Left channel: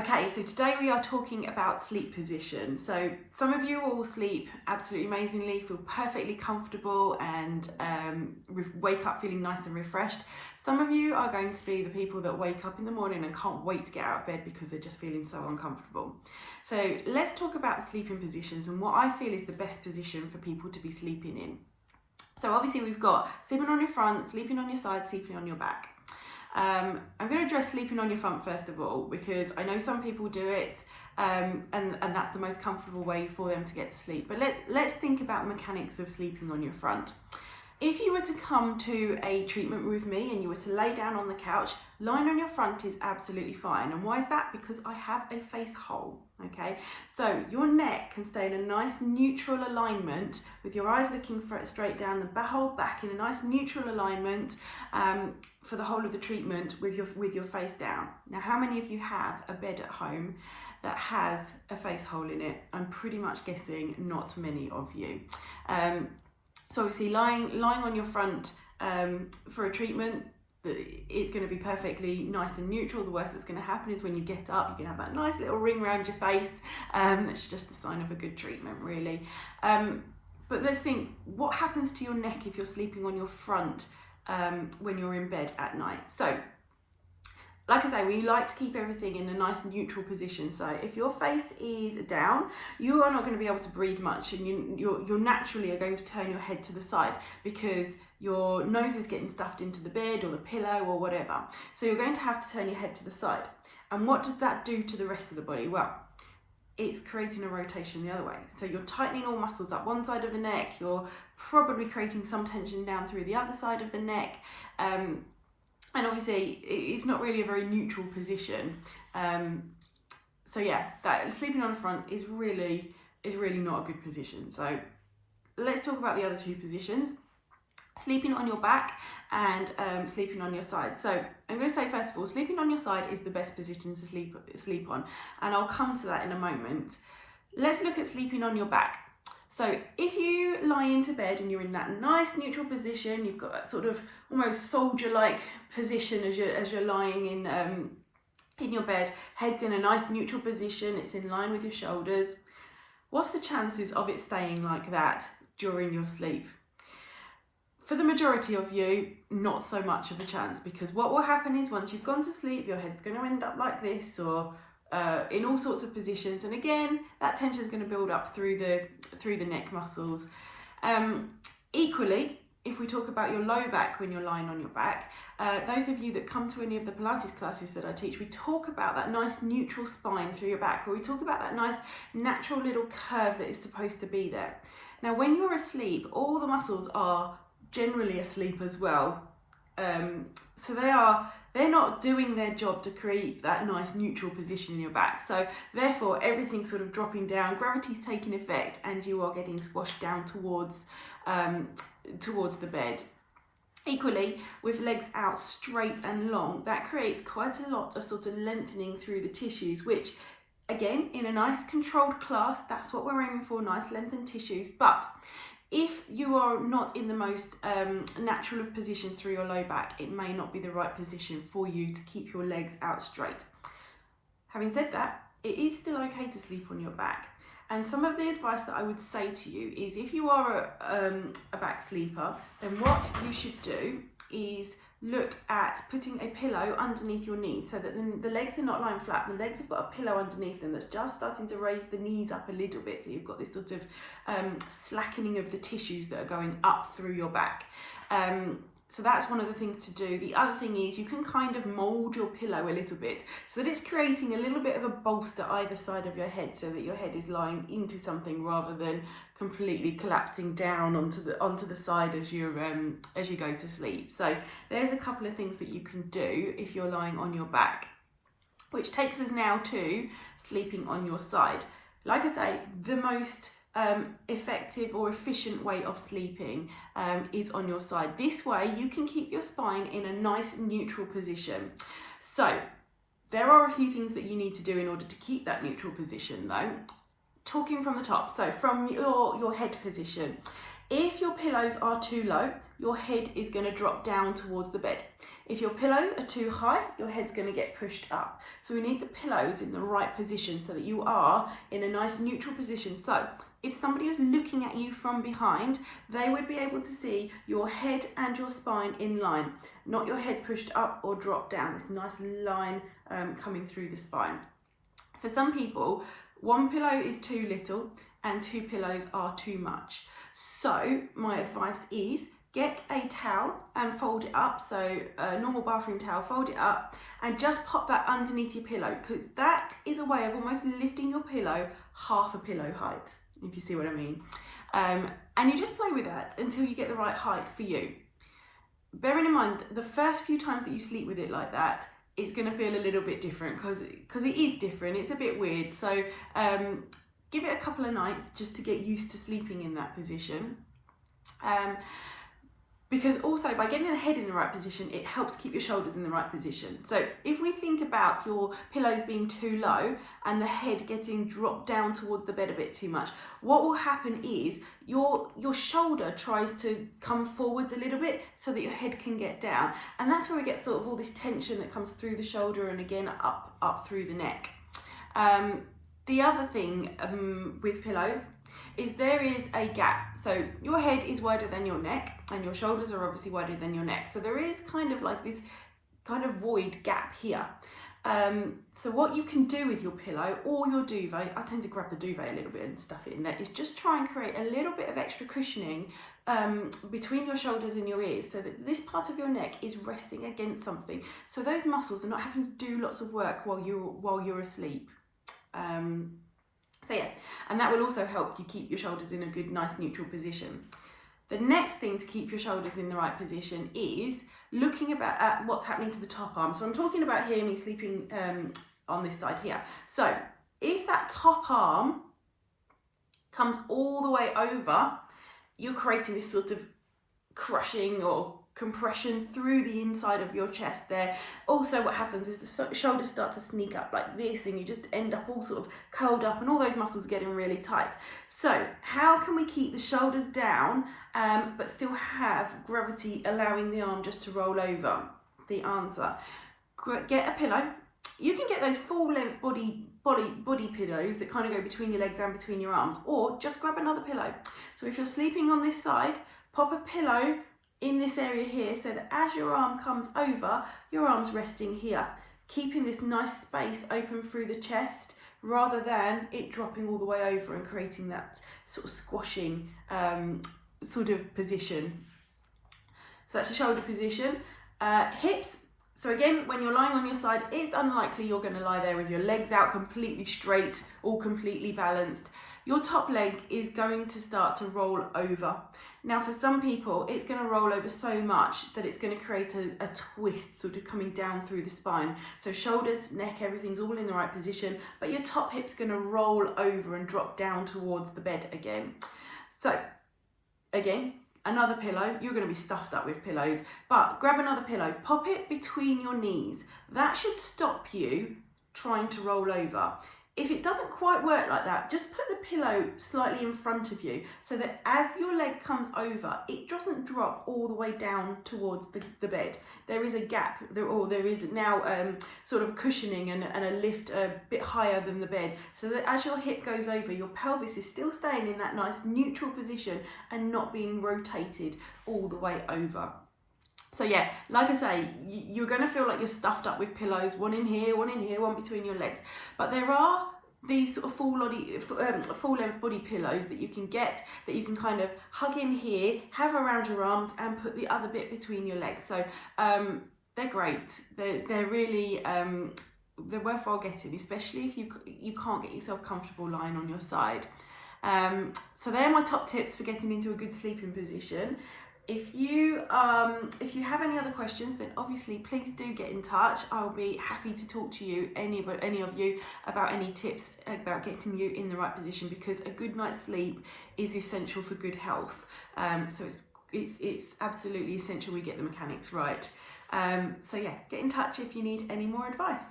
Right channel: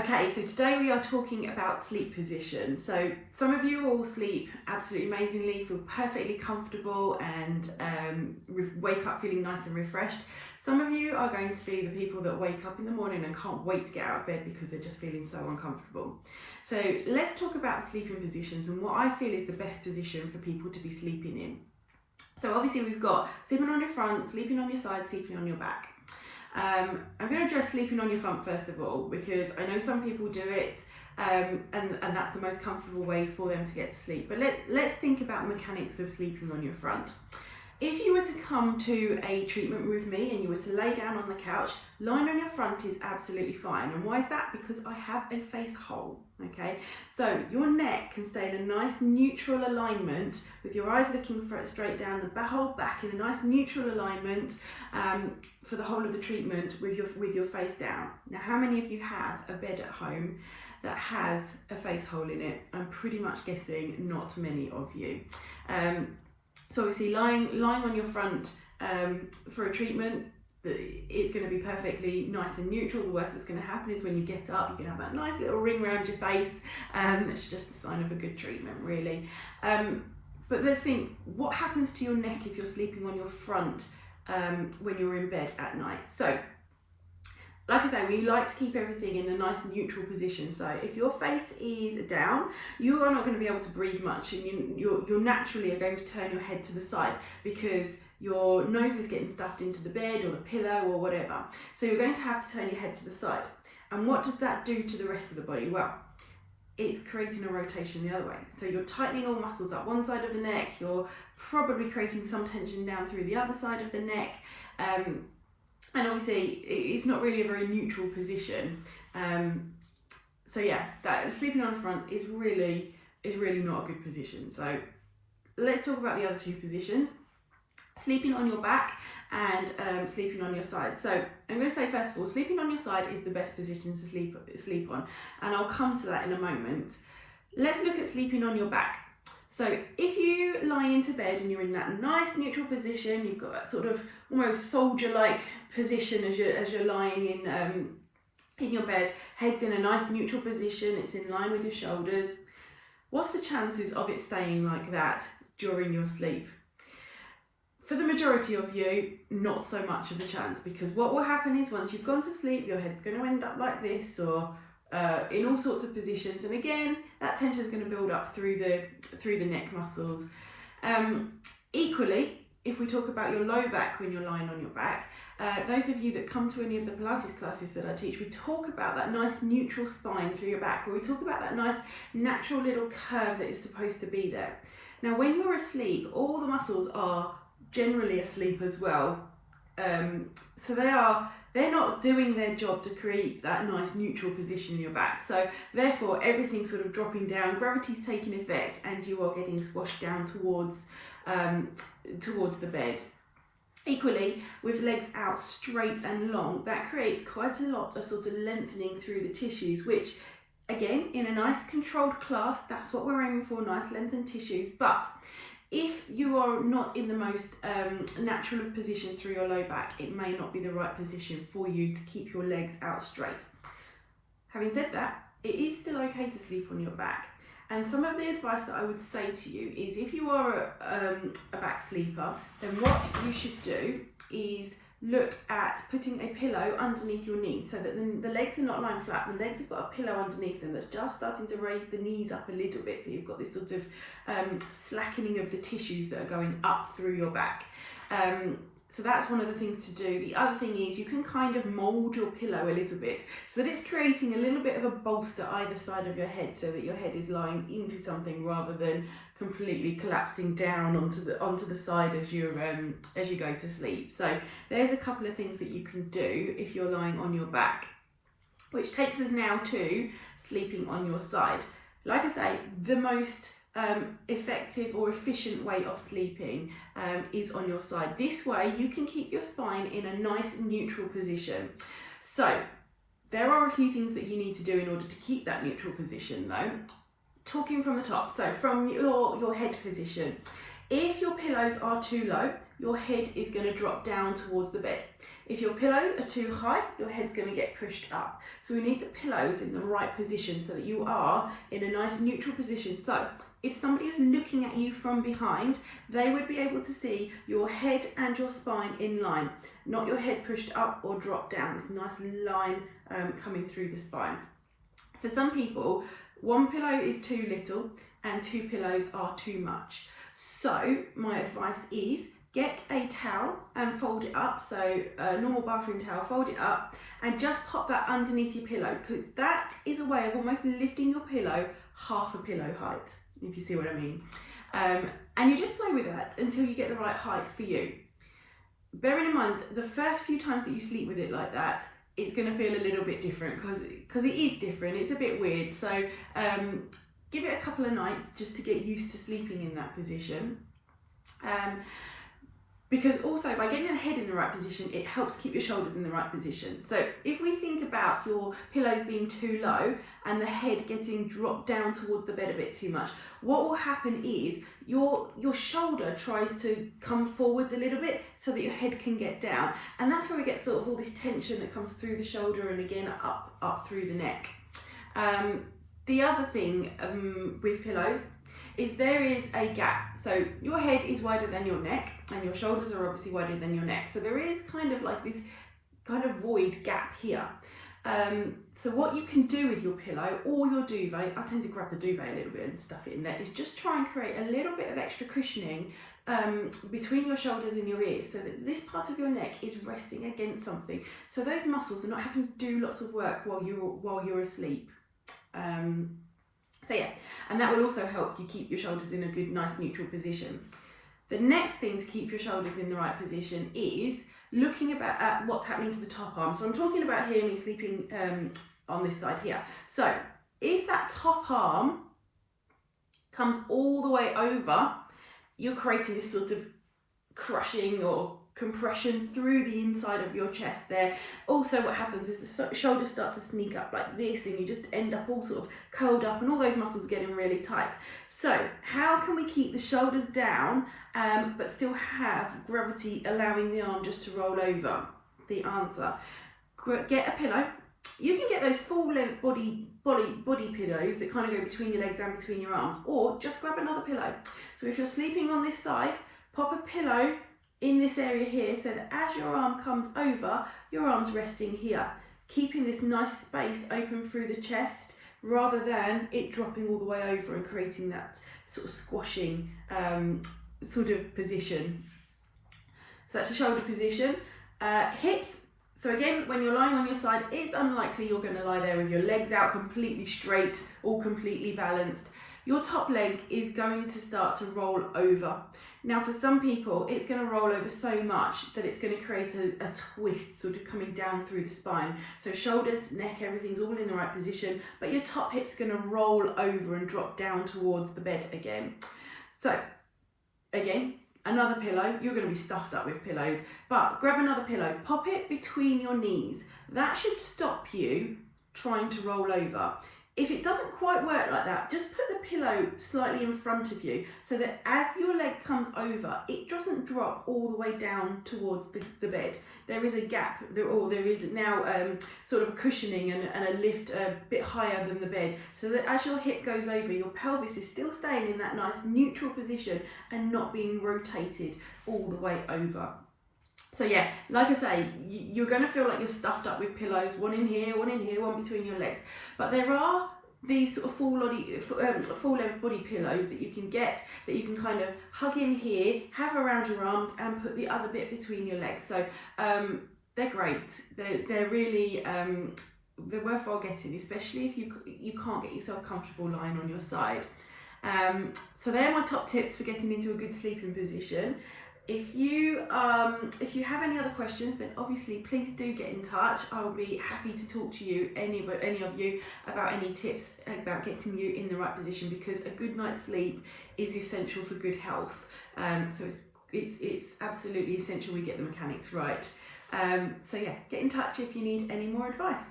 Okay, so today we are talking about sleep position. So some of you will sleep absolutely amazingly, feel perfectly comfortable and wake up feeling nice and refreshed. Some of you are going to be the people that wake up in the morning and can't wait to get out of bed because they're just feeling so uncomfortable. So let's talk about sleeping positions and what I feel is the best position for people to be sleeping in. So obviously we've got sleeping on your front, sleeping on your side, sleeping on your back. I'm going to address sleeping on your front first of all, because I know some people do it and that's the most comfortable way for them to get to sleep. But let's think about the mechanics of sleeping on your front. If you were to come to a treatment with me and you were to lay down on the couch, lying on your front is absolutely fine. And why is that? Because I have a face hole, okay? So your neck can stay in a nice neutral alignment with your eyes looking straight down, the whole back in a nice neutral alignment for the whole of the treatment with your face down. Now, how many of you have a bed at home that has a face hole in it? I'm pretty much guessing not many of you. So obviously lying on your front for a treatment, it's going to be perfectly nice and neutral. The worst that's going to happen is when you get up, you can have that nice little ring around your face. It's just a sign of a good treatment, really. But let's think, what happens to your neck if you're sleeping on your front when you're in bed at night? So, like I say, we like to keep everything in a nice neutral position. So if your face is down, you are not going to be able to breathe much, and you're naturally are going to turn your head to the side because your nose is getting stuffed into the bed or the pillow or whatever. So you're going to have to turn your head to the side. And what does that do to the rest of the body? Well, it's creating a rotation the other way. So you're tightening all muscles up one side of the neck, you're probably creating some tension down through the other side of the neck. And obviously it's not really a very neutral position. So yeah, that sleeping on the front is really not a good position. So let's talk about the other two positions. Sleeping on your back and sleeping on your side. So I'm going to say first of all, sleeping on your side is the best position to sleep on, and I'll come to that in a moment. Let's look at sleeping on your back. So if you lie into bed and you're in that nice neutral position, you've got that sort of almost soldier-like position as you're lying in your bed, head's in a nice neutral position, it's in line with your shoulders. What's the chances of it staying like that during your sleep? For the majority of you, not so much of a chance, because what will happen is once you've gone to sleep, your head's going to end up like this or in all sorts of positions, and again that tension is going to build up through the neck muscles. Equally, if we talk about your low back when you're lying on your back, those of you that come to any of the Pilates classes that I teach, we talk about that nice neutral spine through your back, or we talk about that nice natural little curve that is supposed to be there. Now when you're asleep, all the muscles are generally asleep as well, so they're not doing their job to create that nice neutral position in your back. So therefore everything's sort of dropping down, gravity's taking effect, and you are getting squashed down towards the bed. Equally, with legs out straight and long, that creates quite a lot of sort of lengthening through the tissues, which again, in a nice controlled class, that's what we're aiming for, nice lengthened tissues. But if you are not in the most natural of positions through your low back, it may not be the right position for you to keep your legs out straight. Having said that, it is still okay to sleep on your back. And some of the advice that I would say to you is, if you are a back sleeper, then what you should do is look at putting a pillow underneath your knees so that the legs are not lying flat. The legs have got a pillow underneath them that's just starting to raise the knees up a little bit. So you've got this sort of slackening of the tissues that are going up through your back. So that's one of the things to do. The other thing is you can kind of mould your pillow a little bit so that it's creating a little bit of a bolster either side of your head, so that your head is lying into something rather than completely collapsing down onto the side as you go to sleep. So there's a couple of things that you can do if you're lying on your back, which takes us now to sleeping on your side. Like I say, the most effective or efficient way of sleeping is on your side. This way you can keep your spine in a nice neutral position. So there are a few things that you need to do in order to keep that neutral position though. Talking from the top, so from your head position, if your pillows are too low, your head is going to drop down towards the bed. If your pillows are too high, your head's going to get pushed up. So we need the pillows in the right position so that you are in a nice neutral position. So if somebody was looking at you from behind, they would be able to see your head and your spine in line, not your head pushed up or dropped down. This nice line coming through the spine. For some people, one pillow is too little and two pillows are too much. So my advice is get a towel and fold it up, so a normal bathroom towel, fold it up and just pop that underneath your pillow, because that is a way of almost lifting your pillow half a pillow height, if you see what I mean. And you just play with that until you get the right height for you. Bearing in mind, the first few times that you sleep with it like that, it's going to feel a little bit different because it is different. It's a bit weird. So give it a couple of nights just to get used to sleeping in that position. Because also by getting the head in the right position, it helps keep your shoulders in the right position. So if we think about your pillows being too low and the head getting dropped down towards the bed a bit too much, what will happen is your shoulder tries to come forwards a little bit so that your head can get down. And that's where we get sort of all this tension that comes through the shoulder and again up through the neck. The other thing with pillows is there is a gap. So your head is wider than your neck and your shoulders are obviously wider than your neck. So there is kind of like this kind of void gap here. So what you can do with your pillow or your duvet, I tend to grab the duvet a little bit and stuff it in there, is just try and create a little bit of extra cushioning between your shoulders and your ears, so that this part of your neck is resting against something. So those muscles are not having to do lots of work while you're asleep. So yeah, and that will also help you keep your shoulders in a good, nice, neutral position. The next thing to keep your shoulders in the right position is looking at what's happening to the top arm. So I'm talking about here me sleeping on this side here. So if that top arm comes all the way over, you're creating this sort of crushing or compression through the inside of your chest there. Also what happens is the shoulders start to sneak up like this and you just end up all sort of curled up and all those muscles getting really tight. So how can we keep the shoulders down but still have gravity allowing the arm just to roll over? The answer, get a pillow. You can get those full length body pillows that kind of go between your legs and between your arms, or just grab another pillow. So if you're sleeping on this side, pop a pillow in this area here so that as your arm comes over, your arm's resting here, keeping this nice space open through the chest rather than it dropping all the way over and creating that sort of squashing sort of position. So that's the shoulder position. Hips. So again, when you're lying on your side, it's unlikely you're going to lie there with your legs out completely straight, all completely balanced. Your top leg is going to start to roll over. Now for some people, it's going to roll over so much that it's going to create a twist sort of coming down through the spine. So shoulders, neck, everything's all in the right position, but your top hip's going to roll over and drop down towards the bed again. So again, another pillow. You're going to be stuffed up with pillows, but grab another pillow, pop it between your knees. That should stop you trying to roll over. If it doesn't quite work like that, just put the pillow slightly in front of you so that as your leg comes over, it doesn't drop all the way down towards the bed. There is a gap, or there is now sort of cushioning and a lift a bit higher than the bed, so that as your hip goes over, your pelvis is still staying in that nice neutral position and not being rotated all the way over. So yeah, like I say, you're going to feel like you're stuffed up with pillows, one in here, one between your legs. But there are these sort of full length body pillows that you can get, that you can kind of hug in here, have around your arms and put the other bit between your legs. So they're great. They're really, they're worthwhile getting, especially if you can't get yourself comfortable lying on your side. So they're my top tips for getting into a good sleeping position. If you have any other questions, then obviously please do get in touch. I'll be happy to talk to you, any of you, about any tips about getting you in the right position, because a good night's sleep is essential for good health. So it's absolutely essential we get the mechanics right. So yeah, get in touch if you need any more advice.